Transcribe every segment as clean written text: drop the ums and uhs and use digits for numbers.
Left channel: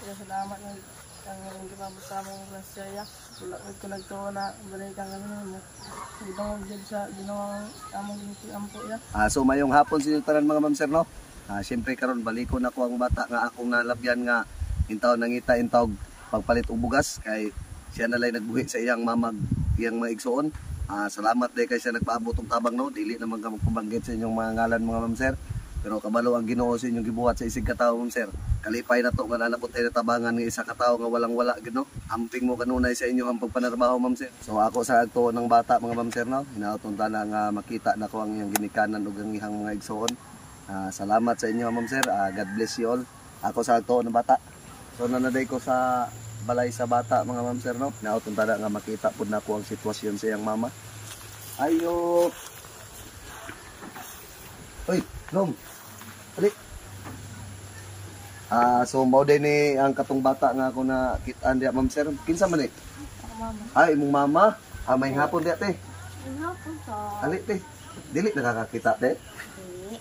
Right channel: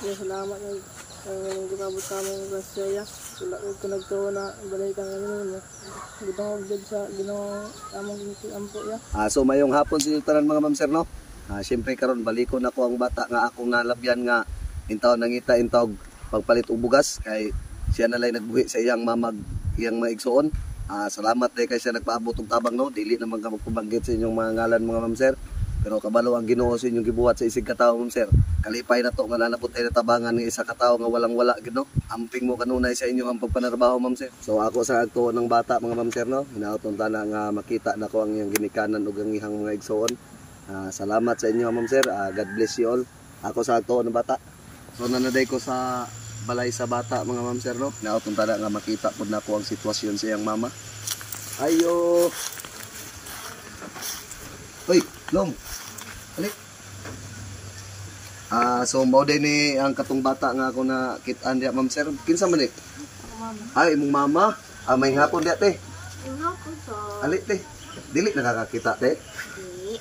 Ya, salamat ang gumabot sa among grasya. Wala ko nagtuo na balay kang ano mo. Gibang jud sa ginawang among ampo ya. So mayong hapon sa inyo tanan mga ma'am sir no. Siyempre karon balikon ako ang bata nga akong nalabyan nga intaw nangita intawg pagpalit og bugas kay siya na lay nagbuhi sa iyang mamag iyang maigsuon. Salamat day kay siya nagpaabot og tabang no. Dili naman ka magpabanggit sa inyong mga ngalan mga ma'am sir. Pero kabalo ang Ginoo sa inyong gibuhat sa isig ka tawo ma'am sir. Kalipay na to nga nanakot ay natabangan ng isa ka tawo nga walang-wala gid no. Amping mo kanunay sa inyo ang pagpanarbaho ma'am sir. So ako sa agtuon ng bata mga ma'am sir no. Hinaoton ta na nga makita nako ang iyang ginikanan ug ang ihang mga igsuon. Salamat sa inyo ma'am sir. God bless you all. Ako sa agtuon ng bata. So nanaday ko sa balay sa bata mga ma'am sir no. Hinaoton ta na nga makita pud nako ang sitwasyon sa iyang mama. Ayo. Hoy, long. Alik. So mao din ni ang katong bata nga ako na kit-an diha ma'am sir. Kinsa man ni? Ay imong mama. May hapon diha te. Hapon sa. Alik te. Dili nakakakita te. Dili.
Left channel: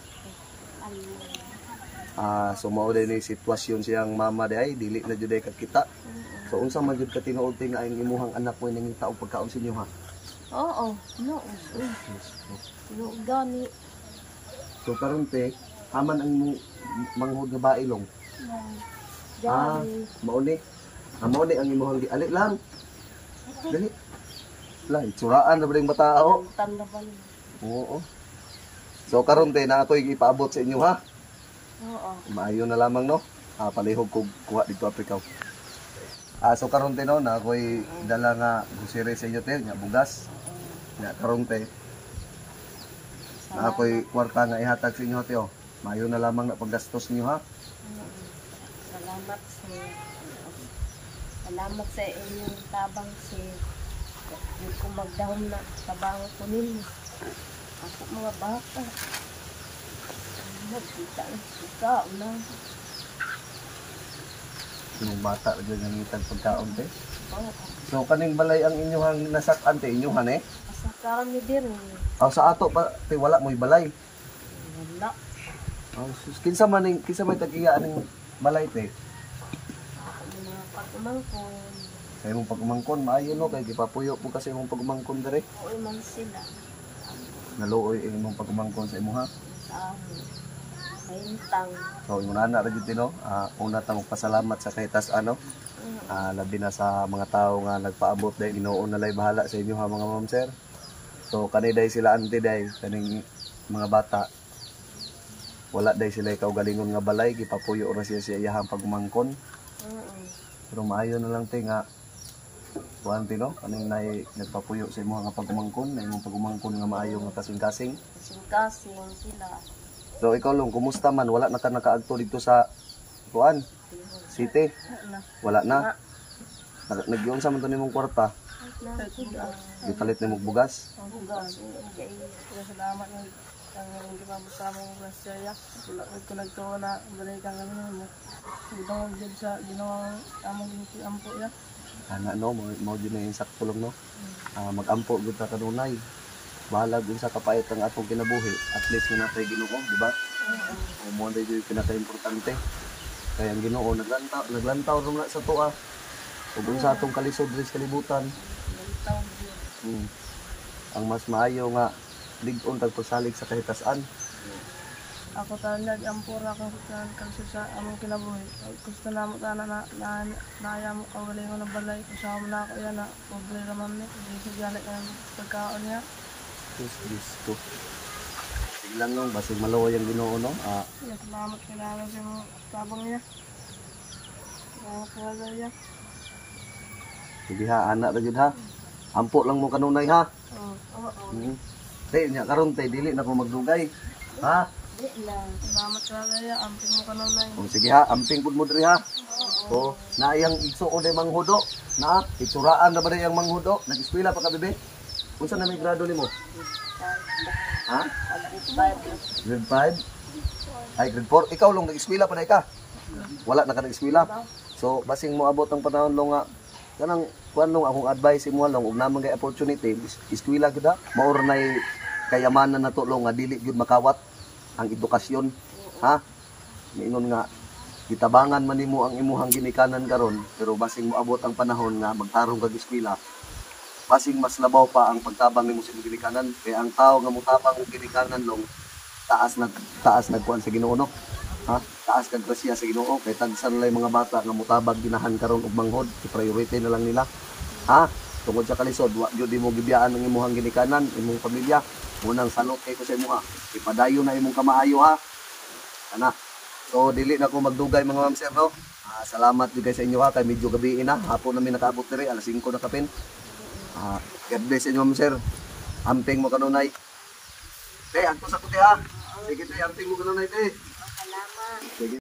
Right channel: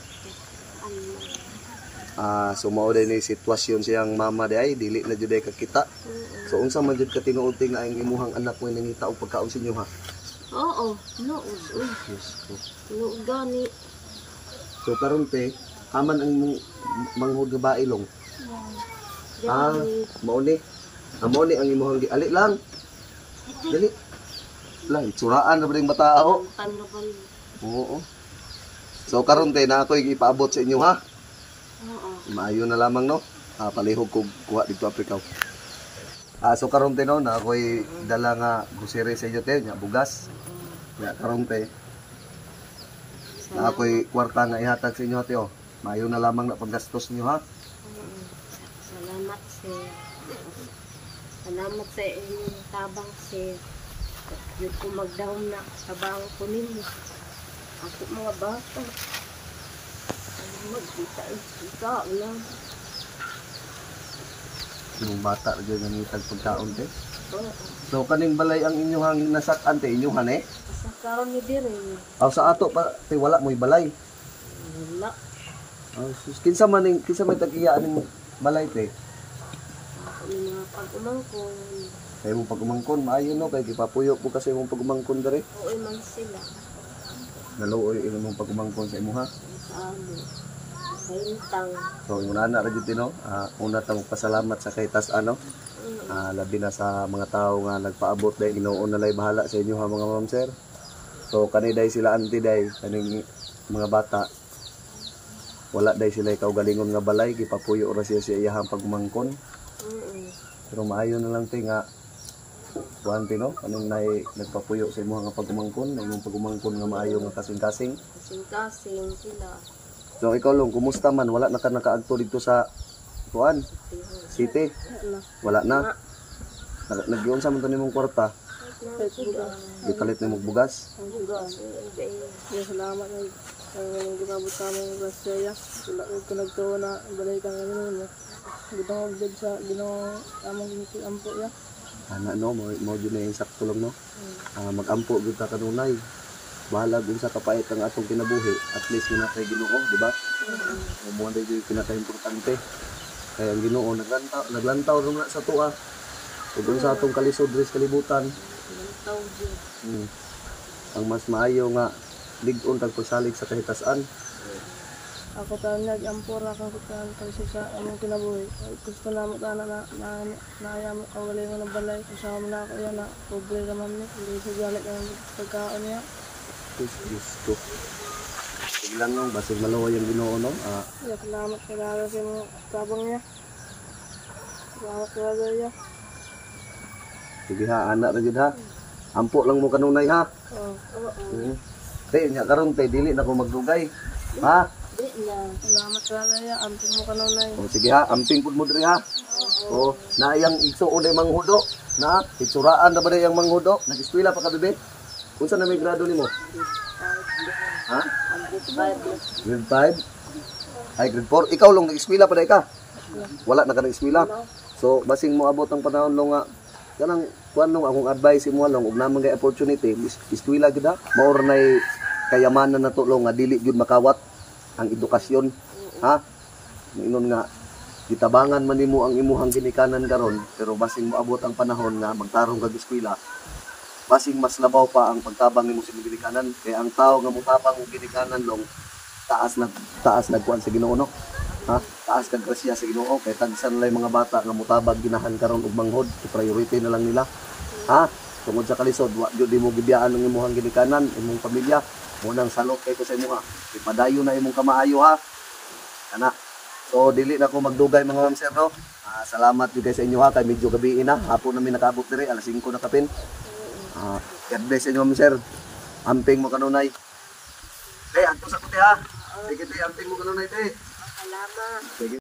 So mao din ni sitwasyon siyang mama diay dili na jud ay kakita. So unsa man jud ka tinuod te nga ang imuhang anak mo nangita og pagkaon sa inyo ha? Oo, nood. Nood gani. So karon te aman ang manghod nga bailong. Mao ni. Amo ni ang imuhang ali lang. Dali. Lah, itsuraan na ba yung matao? Tandaban. Oo. So karon te na ako'y ipaabot sa inyo ha. Oo. Maayo na lamang no. Palihog ko kuha dito Africa. So karon te no na ako'y dala nga gusiri sa inyo te, nya bugas. Nya karon te. Na ako'y kwarta nga ihatag sa inyo te oh. Maayo na lamang na panggastos niyo ha. Salamat sir. Salamat sa inyong tabang sir. Yun ko magdahom na tabang ko ninyo. Ako mga bata. Magkita lang. Yung bata dyan nangitag pagkaon te. Oo. So kaning balay ang inyong nasak-an te, inyong hane? Sa karang hindi rin. Sa ato pa te wala mo'y balay. Wala. Kinsa man tagiya aning balay te? Mga pag-umangkon. Kaya mong pag-umangkon, maayo no, kaya gipapuyo po kasi mong pag-umangkon dere. Oo man sila. Naluoy mong pag-umangkon sa imo ha. Hintang. So yung nana ra gyud no, una ta magpasalamat sa kay Tas-an no. Labi na sa mga tao nga nagpaabot dai Ginoo na lay bahala sa inyo ha mga ma'am sir. So kaniday sila anti day kaning mga bata. Wala day sila kaugalingon nga balay, gipapuyo ra siya sa iyahang pagmangkon. Pero maayo na lang te nga kuan no, anong nay nagpapuyo sa imo nga pagmangkon, anong pagmangkon nga maayo nga kasing-kasing. Kasing-kasing sila. So ikaw long, kumusta man? Wala na ka nakaagto dito sa kuan city? Wala na. Nagyon sa man to nimong kwarta. Gipalit nimong bugas. Ya, salamat ang gumabot sa among grasya. Wala ko nagtuo na balay kang ano mo. Gibang jud sa ginawang among ampo ya. No, mo jud na yung sakto lang no. Mag-ampo jud ta kanunay. Bahala din sa kapait ang atong kinabuhi. At least muna tayo Ginoo, di ba? O mo din yung pinaka-importante. Kaya ang Ginoo naglantaw na sa tuwa. Ug sa atong kalisod sa kalibutan. Ang mas maayo nga lig-on kag pagsalig sa kahitas-an. Ako ta nag-ampura kang kasi sa among kinabuhi. Gusto na mo na mo kawalay mo ng balay. Kasama na ako yan na pobre naman ni. Hindi siya galit ang pagkaon niya. Kristo. Tignan yung basig maluoy ang Ginoo no. Salamat kailangan sa mga tabang niya. Salamat kailangan niya. Sige ha, anak ra gid ha. Ampo lang mo kanunay ha. Nya karon tay dili na ko magdugay. Ha? Salamat kailangan niya. Amping mo kanunay. Sige ha, amping pud mo diri ha. Na iyang igsuon ay manghudo. Na itsuraan na ba yung manghudo? Nag-eskwela pa ka bebe? Unsa na may grado nimo? Ha? Grade 5? Ay, grade 4. Ikaw lang nag-eskwela pa day ka? Wala na ka nag-eskwela? So, basing mo abot ang panahon nung nga kanang kuan nung akong advice imo lang ug namang kay opportunity eskwela gid ha. More nay kayamanan na to nga dili gyud makawat ang edukasyon. Ha? Ingon nga gitabangan man nimo ang imuhang ginikanan karon, pero basing moabot ang panahon nga magtarong kag eskwela, basing mas labaw pa ang pagtabang nimo sa ginikanan. Kay ang tao nga motabang og ginikanan long taas nagkuan sa Ginoo, no? Ha? Taas kag grasya sa Ginoo. Kay tagsan lay mga bata nga motabag ginahan karon og manghod, priority na lang nila. Ha? Tungod sa kalisod, wa gyud mo gibiyaan ang imuhang ginikanan, imong pamilya. Munang salot kay ko sa imo ha. Ipadayon na imong kamaayo ha. Ana. So dili na ko magdugay mga ma'am sir, no. Salamat gyud sa inyo ha, kay medyo gabi na. Hapon na mi nakaabot diri, alas 5 na kapin. God bless sa inyo ma'am sir. Amping mo kanunay. Te, anto sa kuti ha. Sige te, amping mo kanunay te. Salamat. Sige.